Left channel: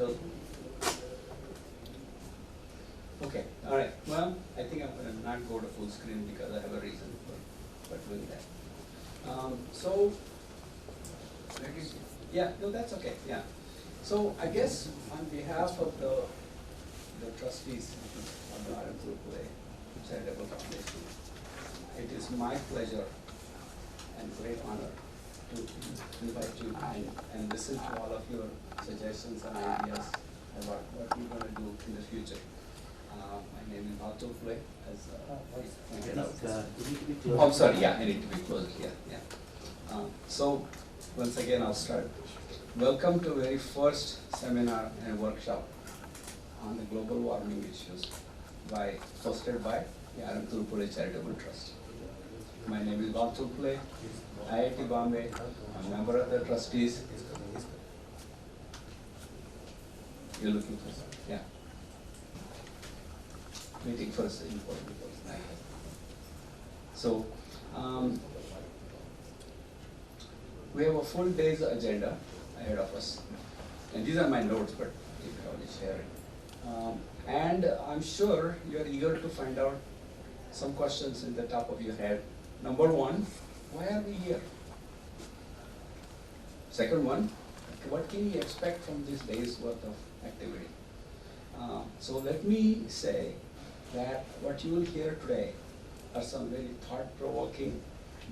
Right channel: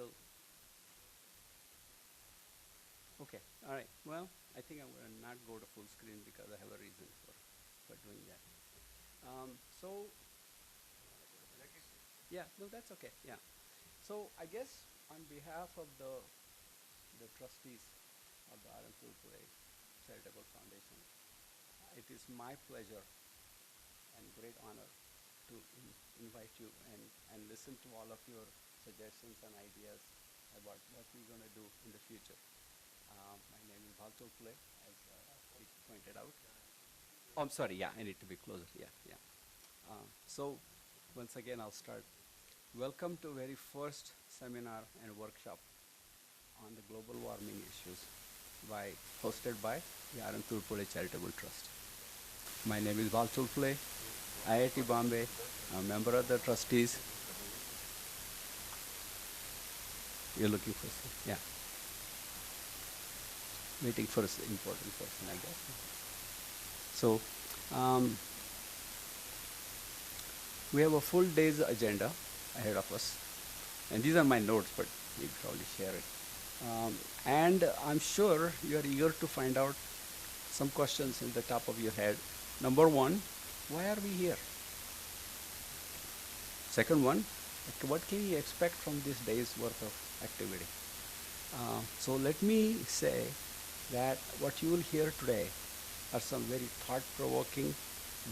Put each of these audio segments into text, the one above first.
Still? Okay, all right. Well, I think I'm going to not go to full screen because I have a reason for doing that. So, yeah, no, that's okay, yeah. So I guess on behalf of the trustees of the Bhal Tulpule Charitable Foundation, it is my pleasure and great honor to invite you and listen to all of your suggestions and ideas about what we're going to do in the future. My name is Bhal Tulpule, as pointed out. Oh, I'm sorry, yeah, I need to be close, yeah. So, once again, I'll start. Welcome to very first seminar and workshop on the global warming issues hosted by the Bhal Tulpule Charitable Trust. My name is Bhal Tulpule, IIT Bombay, I'm a member of the trustees. You're looking for something? Yeah. Waiting for the important person. Okay. So, we have a full day's agenda ahead of us. And these are my notes, but you can already share it. And I'm sure you're eager to find out some questions in the top of your head. Number one, why are we here? Second one, what can you expect from this day's worth of activity? So let me say that what you will hear today are some very thought-provoking,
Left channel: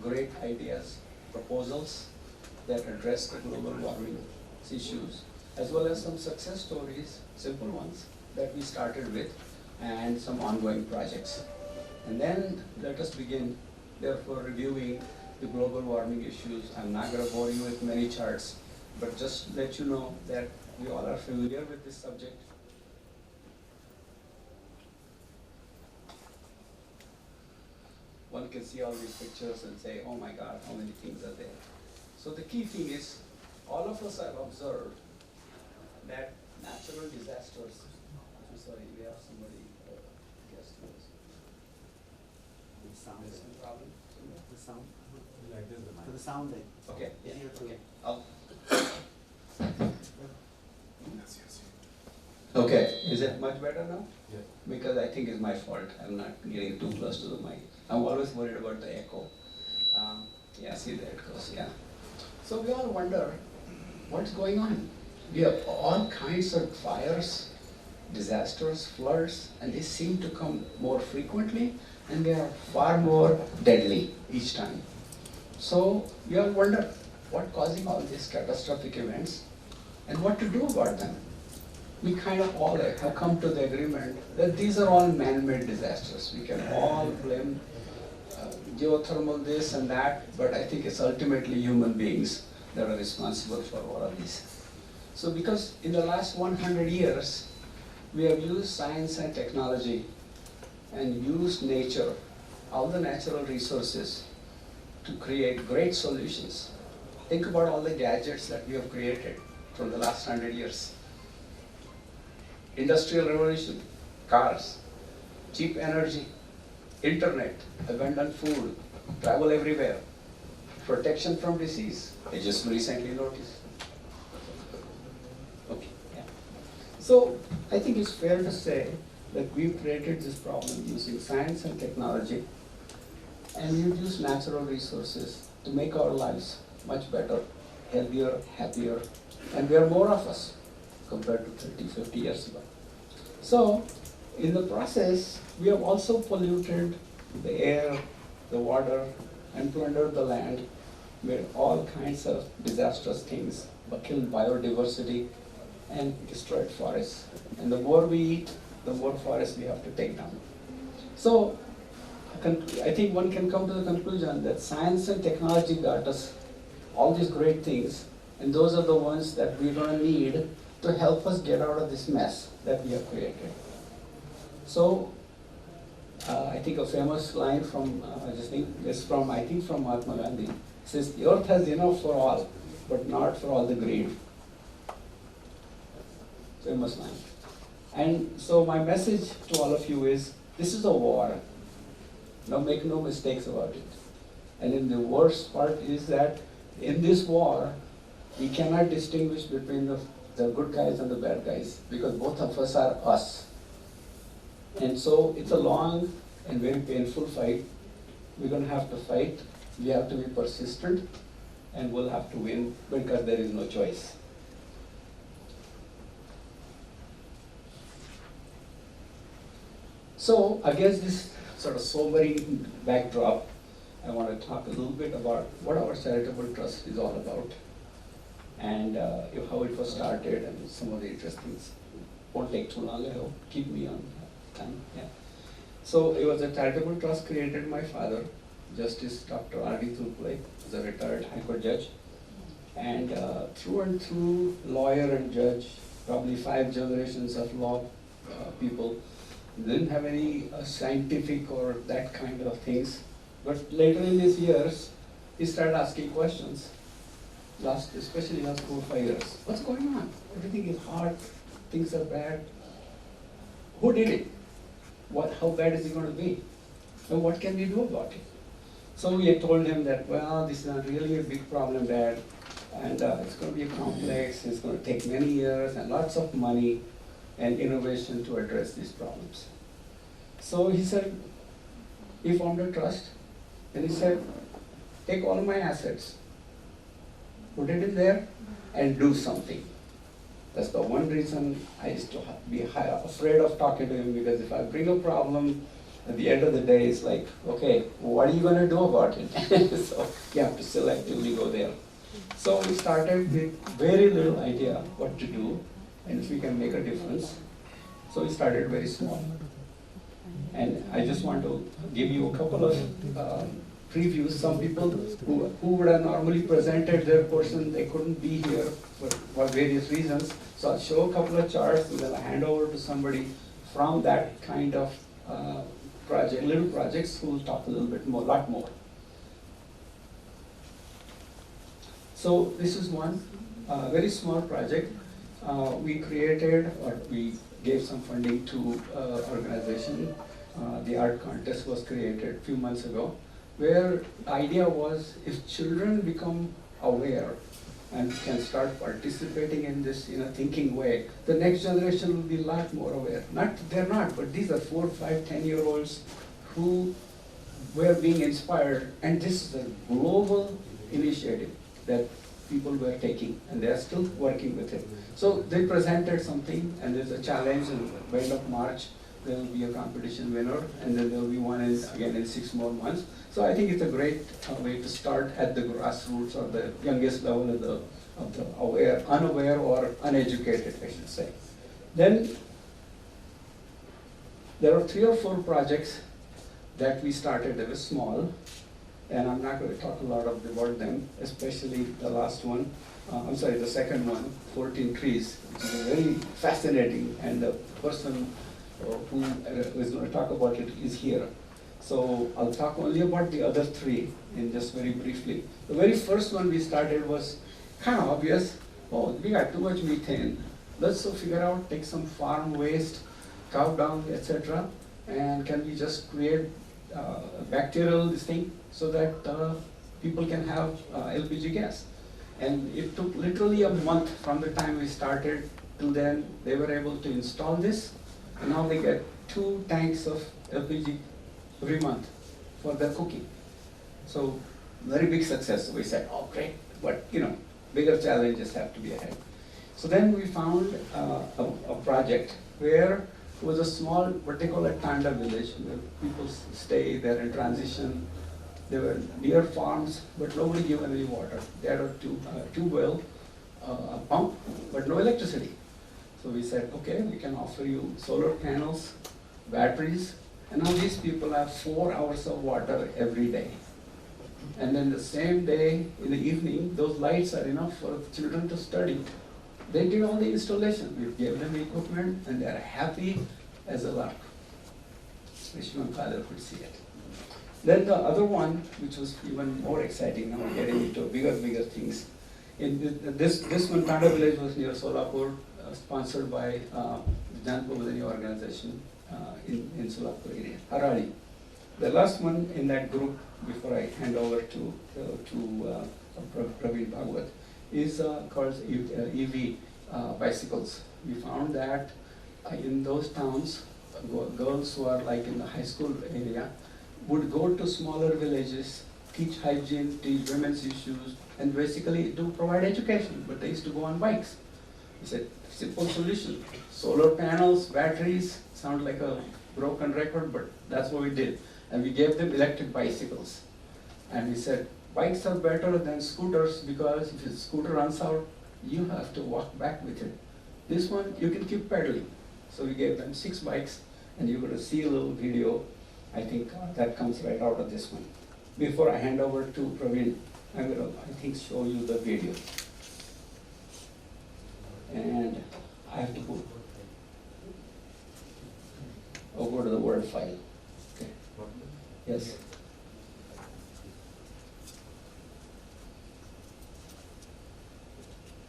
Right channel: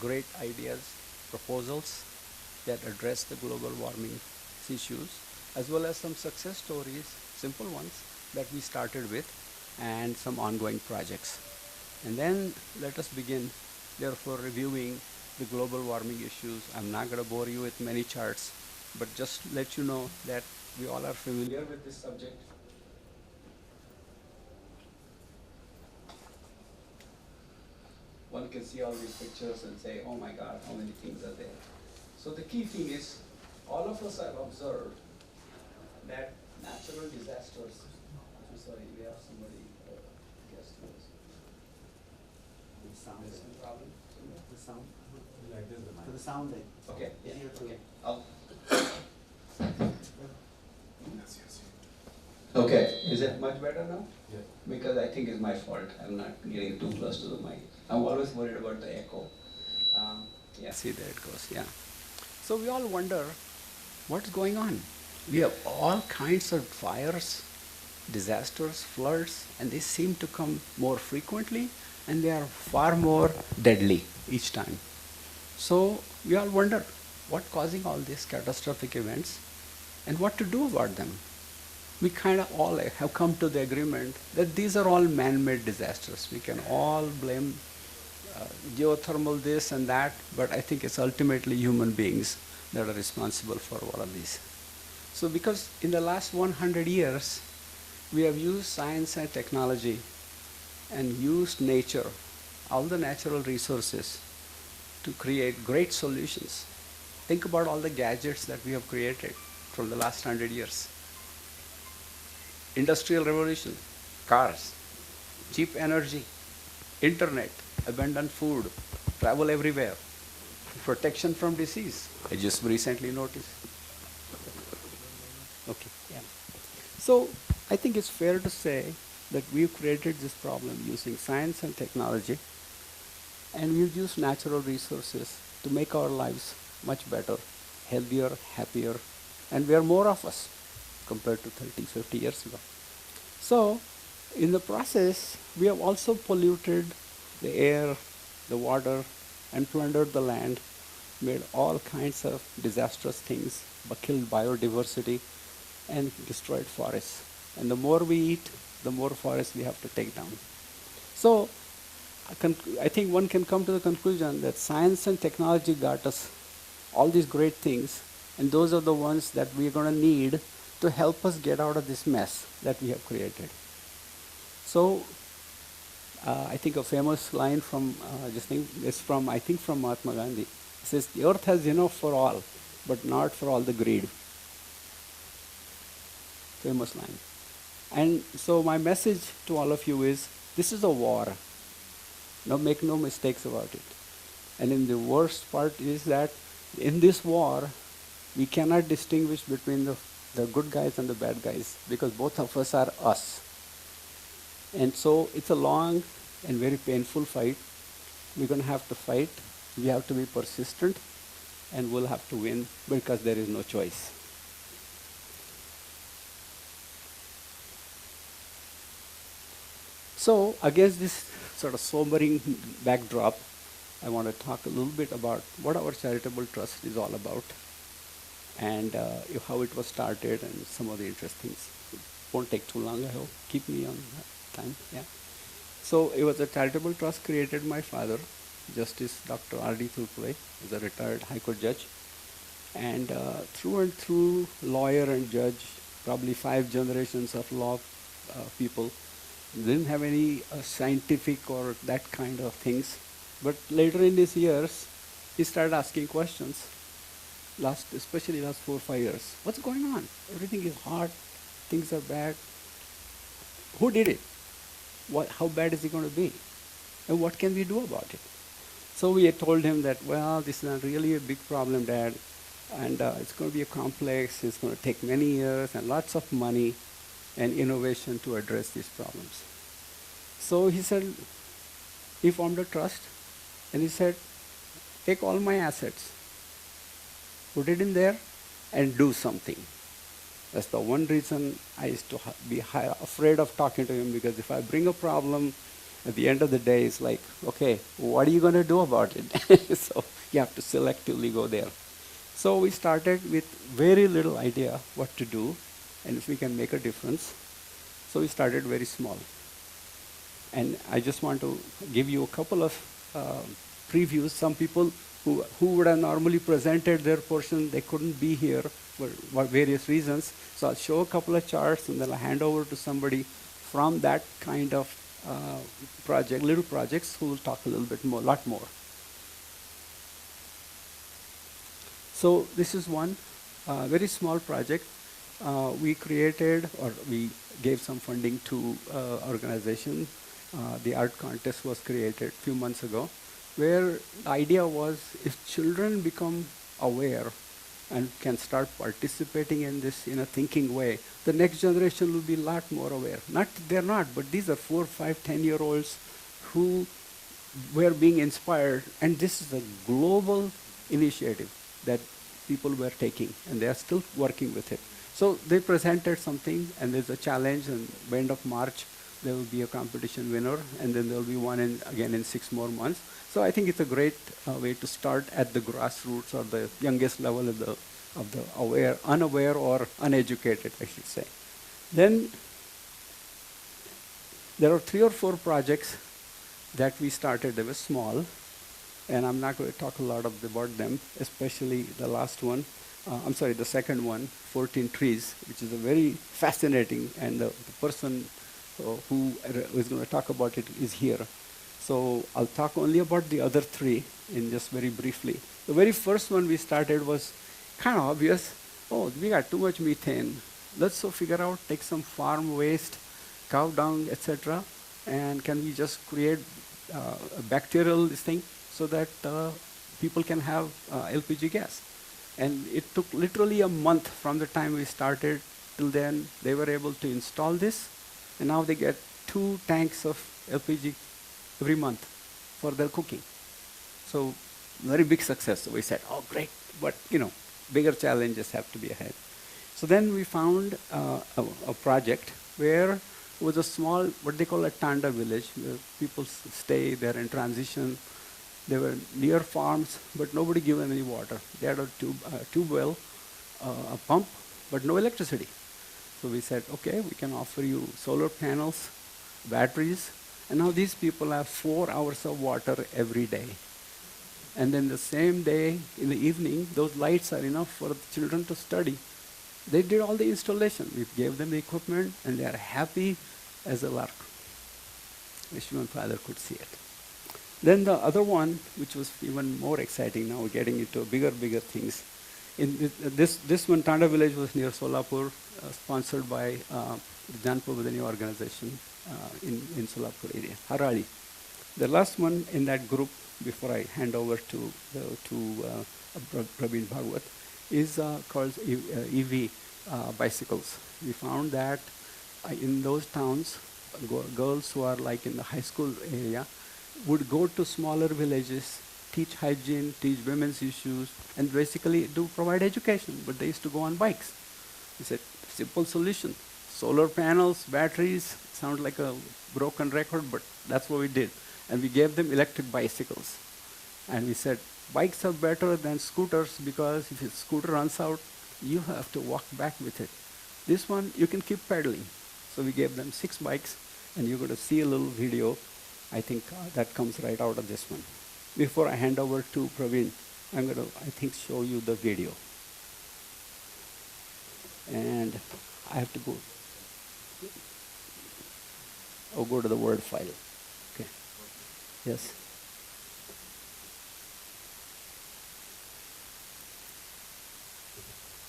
great ideas, proposals that address the global warming issues, as well as some success stories, simple ones, that we started with, and some ongoing projects. And then let us begin, therefore, reviewing the global warming issues. I'm not going to bore you with many charts, but just let you know that we all are familiar with this subject. One can see all these pictures and say, oh my God, how many things are there. So the key thing is, all of us have observed that natural disasters, I'm sorry, we have somebody, guest with us. The sound. There's some problem? The sound. Like this, the mic. For the sound then. Okay, yeah, Easier to- okay. Okay, is it much better now? Yeah. Because I think it's my fault, I'm not getting too close to the mic. I'm always worried about the echo. Yeah, see there it goes, yeah. So we all wonder, what's going on? We have all kinds of fires, disasters, floods, and they seem to come more frequently, and they are far more deadly each time. So we all wonder, what's causing all these catastrophic events, and what to do about them? We kind of all have come to the agreement that these are all man-made disasters. We can all blame geothermal this and that, but I think it's ultimately human beings that are responsible for all of these. So because in the last 100 years, we have used science and technology and used nature, all the natural resources, to create great solutions. Think about all the gadgets that we have created from the last 100 years. Industrial revolution, cars, cheap energy, internet, abundant food, travel everywhere, protection from disease. I just recently noticed. Okay, yeah. So I think it's fair to say that we've created this problem using science and technology, and we've used natural resources to make our lives much better, healthier, happier, and we are more of us compared to 30, 50 years ago. So, in the process, we have also polluted the air, the water, and plundered the land, made all kinds of disastrous things, killed biodiversity, and destroyed forests. And the more we eat, the more forests we have to take down. So, I think one can come to the conclusion that science and technology brought us all these great things, and those are the ones that we're going to need to help us get out of this mess that we have created. So, I think a famous line from this thing is from, I think from Mahatma Gandhi. It says, the earth has enough for all, but not for all the greed. Famous line. And so my message to all of you is, this is a war. Now make no mistakes about it. And in the worst part is that in this war, we cannot distinguish between the the good guys and the bad guys, because both of us are us. And so it's a long and very painful fight. We're going to have to fight. We have to be persistent, and we'll have to win because there is no choice. So against this sort of sobering backdrop, I want to talk a little bit about what our charitable trust is all about, and how it was started, and some of the interesting things. Won't take too long, I hope. Keep me on time. Yeah. So it was a charitable trust created by my father, Justice Dr. Bhal Tulpule, who's a retired High Court judge, and through and through, lawyer and judge, probably 5 generations of law people. Didn't have any scientific or that kind of things, but later in these years, he started asking questions. Especially last 4 or 5 years. What's going on? Everything is hard. Things are bad. Who did it? How bad is it going to be? And what can we do about it? So we had told him that, well, this is not really a big problem, Dad, and it's going to be complex. It's going to take many years and lots of money and innovation to address these problems. So he said, he formed a trust, and he said, take all my assets, put it in there, and do something. That's the one reason I used to be afraid of talking to him, because if I bring a problem, at the end of the day, it's like, okay, what are you going to do about it? So you have to selectively go there. So we started with very little idea what to do, and if we can make a difference. So we started very small. And I just want to give you a couple of previews. Some people who would have normally presented their portion, they couldn't be here for various reasons. So I'll show a couple of charts, and then I'll hand over to somebody from that kind of little projects, who will talk a little bit more, lot more. So this is one very small project. We created, or we gave some funding to organization. The art contest was created a few months ago, where the idea was, if children become aware and can start participating in this in a thinking way, the next generation will be a lot more aware. They're not, but these are 4, 5, 10-year-olds who were being inspired, and this is a global initiative that people were taking, and they are still working with it. So they presented something, and there's a challenge, and at the end of March, there will be a competition winner, and then there will be one again in 6 more months. So I think it's a great way to start at the grassroots, or the youngest level of the unaware or uneducated, I should say. Then there are 3 or 4 projects that we started. They were small, and I'm not going to talk a lot about them, especially the last one. The second one, 14 trees, which is a very fascinating, and the person who is going to talk about it is here. So I'll talk only about the other 3 in just very briefly. The very first one we started was kind of obvious. Oh, we got too much methane. Let's figure out, take some farm waste, cow dung, etc., and can we just create a bacterial thing so that people can have LPG gas. And it took literally a month from the time we started till then. They were able to install this, and now they get 2 tanks of LPG every month for their cooking. So very big success. So we said, oh great, but bigger challenges have to be ahead. So then we found a project where it was a small, what they call a Tanda village, where people stay there in transition. They were near farms, but nobody gave them any water. They had a tube well, a pump, but no electricity. So we said, okay, we can offer you solar panels, batteries, and now these people have 4 hours of water every day. And then the same day, in the evening, those lights are enough for children to study. They did all the installation. We gave them the equipment, and they are happy as a lark. Wish my father could see it. Then the other one, which was even more exciting, now we're getting into bigger things. This one, Tanda village, was near Solapur, sponsored by Janpavadani organization in Solapur area, Harari. The last one in that group, before I hand over to Praveen Bhagwat, is called EV, bicycles. We found that in those towns, girls who are like in the high school area would go to smaller villages, teach hygiene, teach women's issues, and basically do provide education, but they used to go on bikes. It's a simple solution. Solar panels, batteries, sound like a broken record, but that's what we did. And we gave them electric bicycles. And we said, bikes are better than scooters because if your scooter runs out, you have to walk back with it. This one, you can keep pedaling. So we gave them 6 bikes, and you're going to see a little video. I think that comes right out of this one. Before I hand over to Praveen, I'm going to, I think, show you the video. And I have to go. Oh, go to the Word file. Okay. Yes.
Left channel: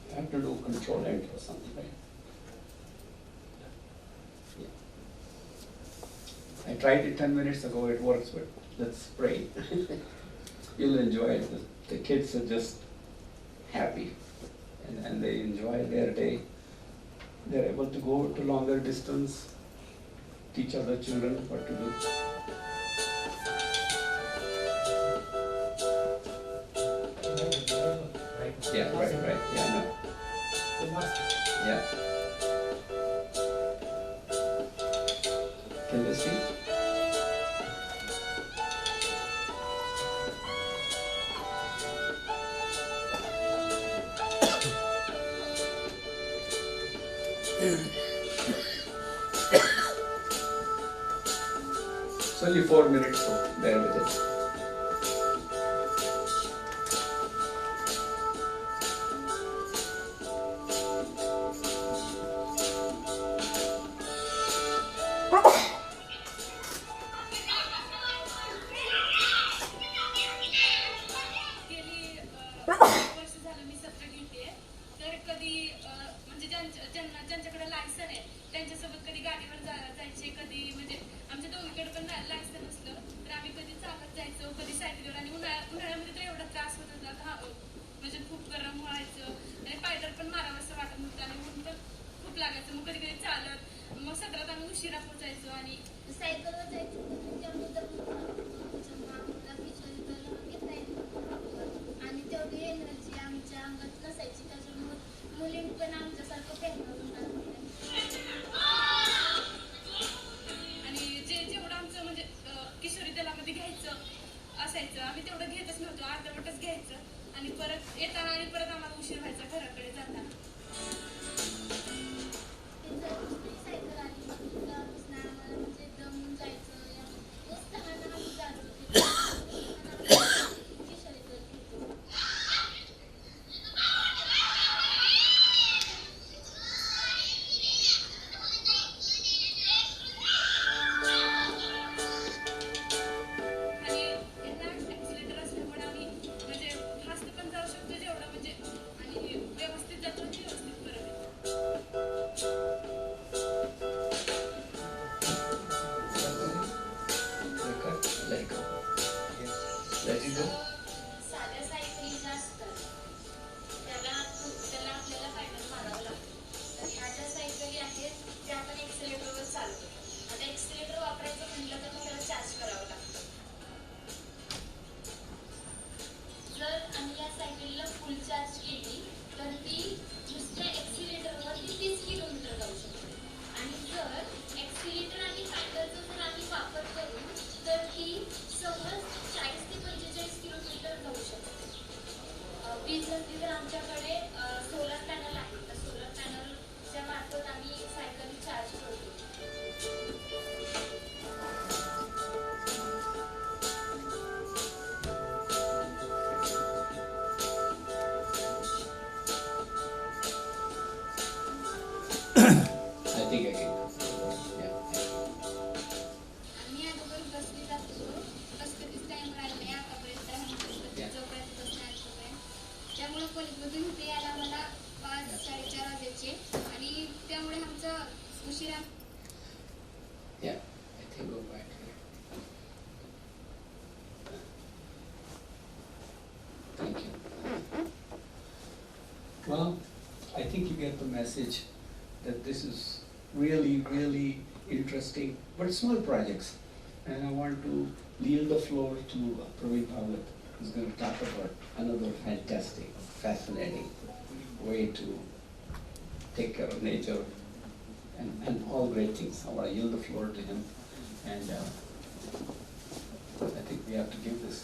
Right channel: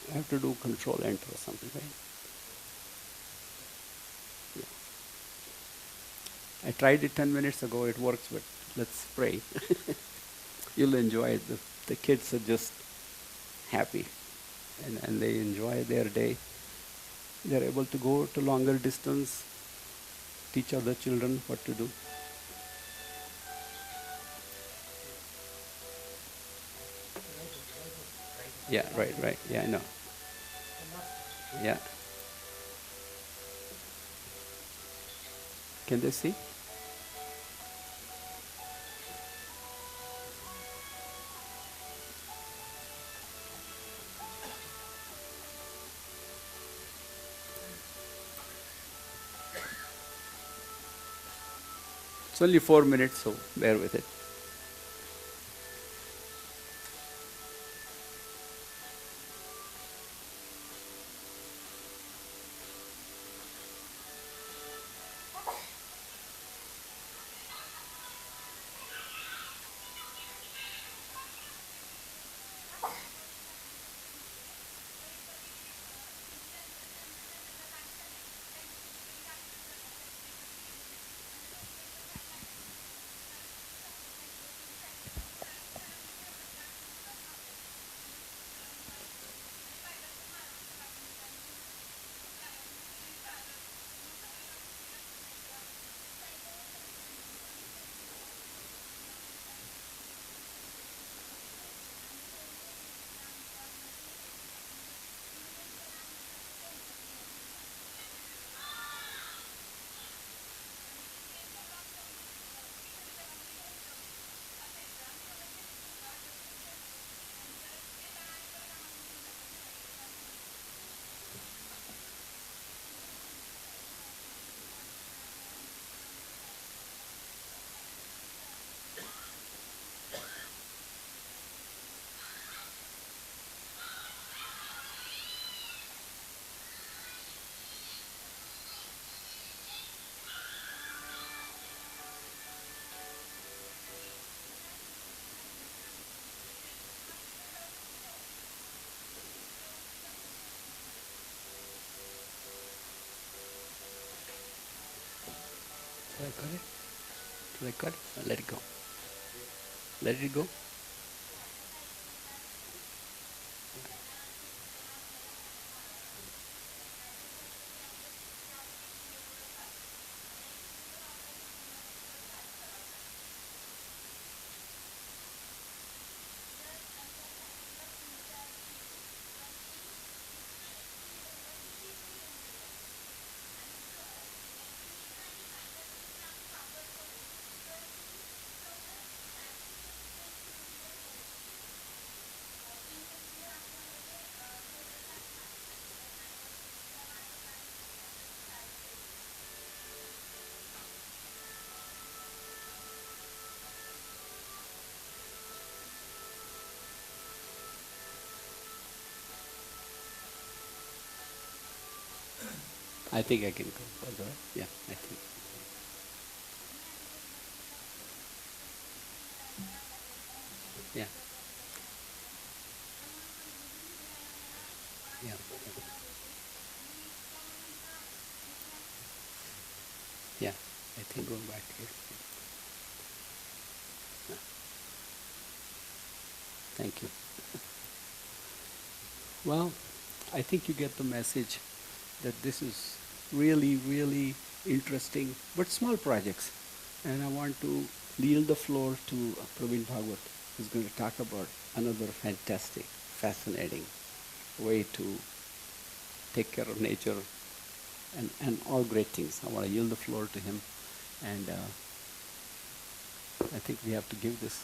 I have to do Control Enter or something, right? I tried it 10 minutes ago, it works, but let's pray. You'll enjoy it. The kids are just happy, and they enjoy their day. They're able to go to longer distance, teach other children what to do. Yeah, right, yeah, no. Yeah. Can they see? It's only 4 minutes, so bear with it. Let it go. I think I can go. Yeah. Yeah, I think go back here. Thank you. Well, I think you get the message that this is really, really interesting, but small projects. And I want to yield the floor to Praveen Bhagwat, who's going to talk about another fantastic, fascinating way to take care of nature and all great things. I want to yield the floor to him, and I think we have to give this